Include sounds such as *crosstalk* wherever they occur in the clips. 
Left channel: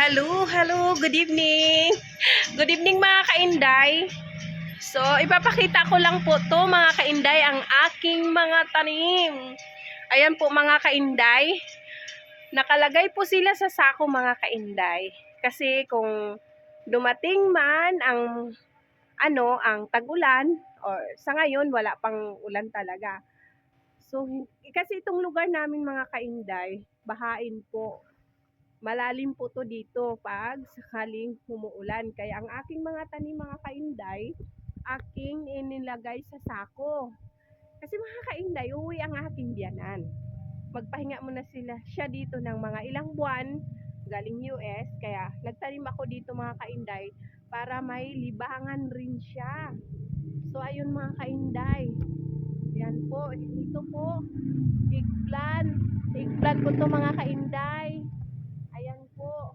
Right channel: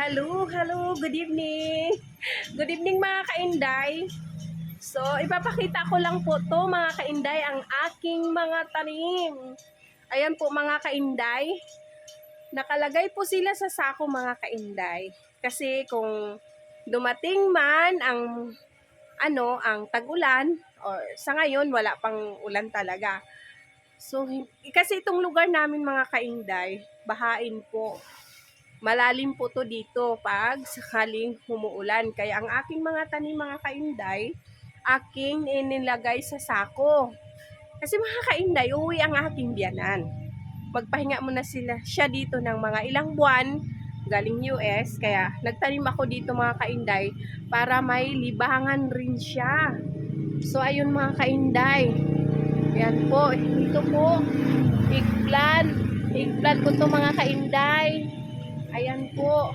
Hello, hello, good evening. Good evening mga kainday. So, ipapakita ko lang po to mga kainday ang aking mga tanim. Ayan po mga kainday. Nakalagay po sila sa sako mga kainday. Kasi kung dumating man ang ano, ang tag-ulan or sa ngayon wala pang ulan talaga. So, kasi itong lugar namin mga kainday, bahain po malalim po to dito pag sakaling umuulan. Kaya ang aking mga tanim, mga kainday, aking inilagay sa sako. Kasi mga kainday, uwi ang aking biyanan. Magpahinga muna sila siya dito ng mga ilang buwan galing US. Kaya nagtanim ako dito mga kainday para may libangan rin siya. So ayun mga kainday. Yan po. Ito po. Eggplant. Eggplant ko to mga kainday. Ayan po.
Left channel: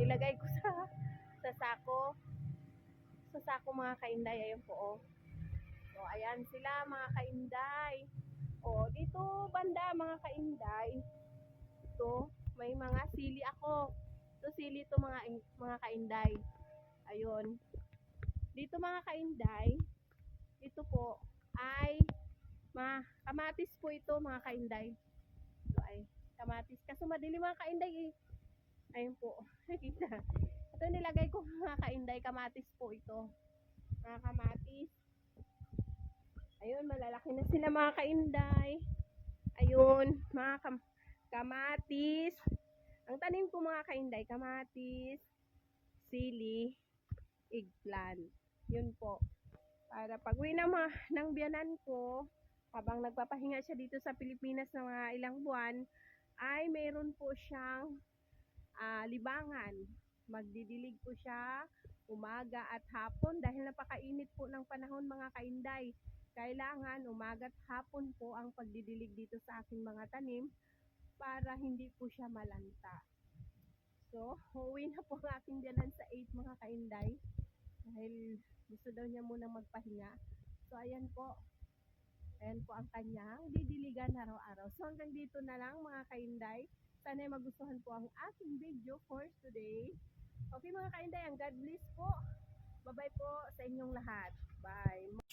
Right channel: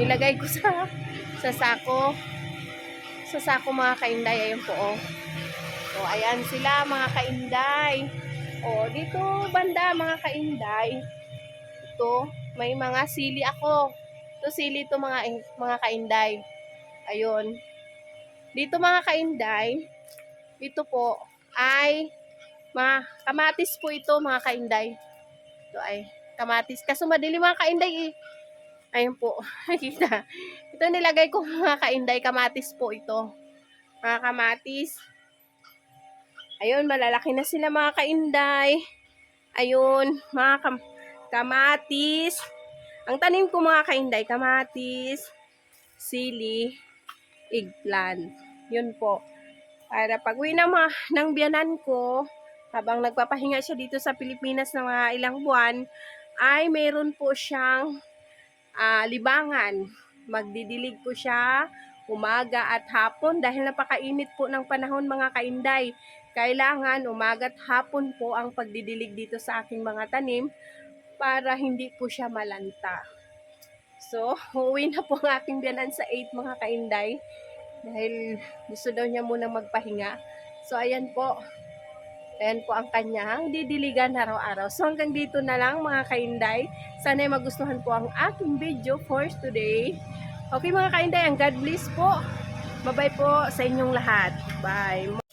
Nilagay ko sa sa sako. Sa sako mga kainday. Ayan po oh. O ayan sila mga kainday. O dito banda mga kainday. Ito may mga sili ako. Ito sili to mga mga kainday. Ayun. Dito mga kainday. Ito po ay mga kamatis po ito mga kainday. Ito ay kamatis. Kaso madilim mga kainday eh. Ayun po. *laughs* Nakita. Ito nilagay ko *laughs* mga kainday. Kamatis po ito. Mga kamatis. Ayun, malalaki na sila mga kainday. Ayun, mga kam- kamatis. Ang tanim ko mga kainday, kamatis, sili, eggplant. Yun po. Para pag uwi ng, mga, ng biyanan ko, habang nagpapahinga siya dito sa Pilipinas ng mga ilang buwan, ay mayroon po siyang ah, libangan. Magdidilig po siya umaga at hapon dahil napakainit po ng panahon mga kainday. Kailangan umaga at hapon po ang pagdidilig dito sa aking mga tanim para hindi po siya malanta. So, *laughs* uuwi na po ang aking biyanan sa 8 mga kainday dahil gusto daw niya munang magpahinga. So, ayan po. Ayan po ang kanyang didiligan araw-araw. So hanggang dito na lang mga kainday. Sana ay magustuhan po ang aking video for today. Okay mga kainday, ang God bless po. Bye-bye po sa inyong lahat. Bye.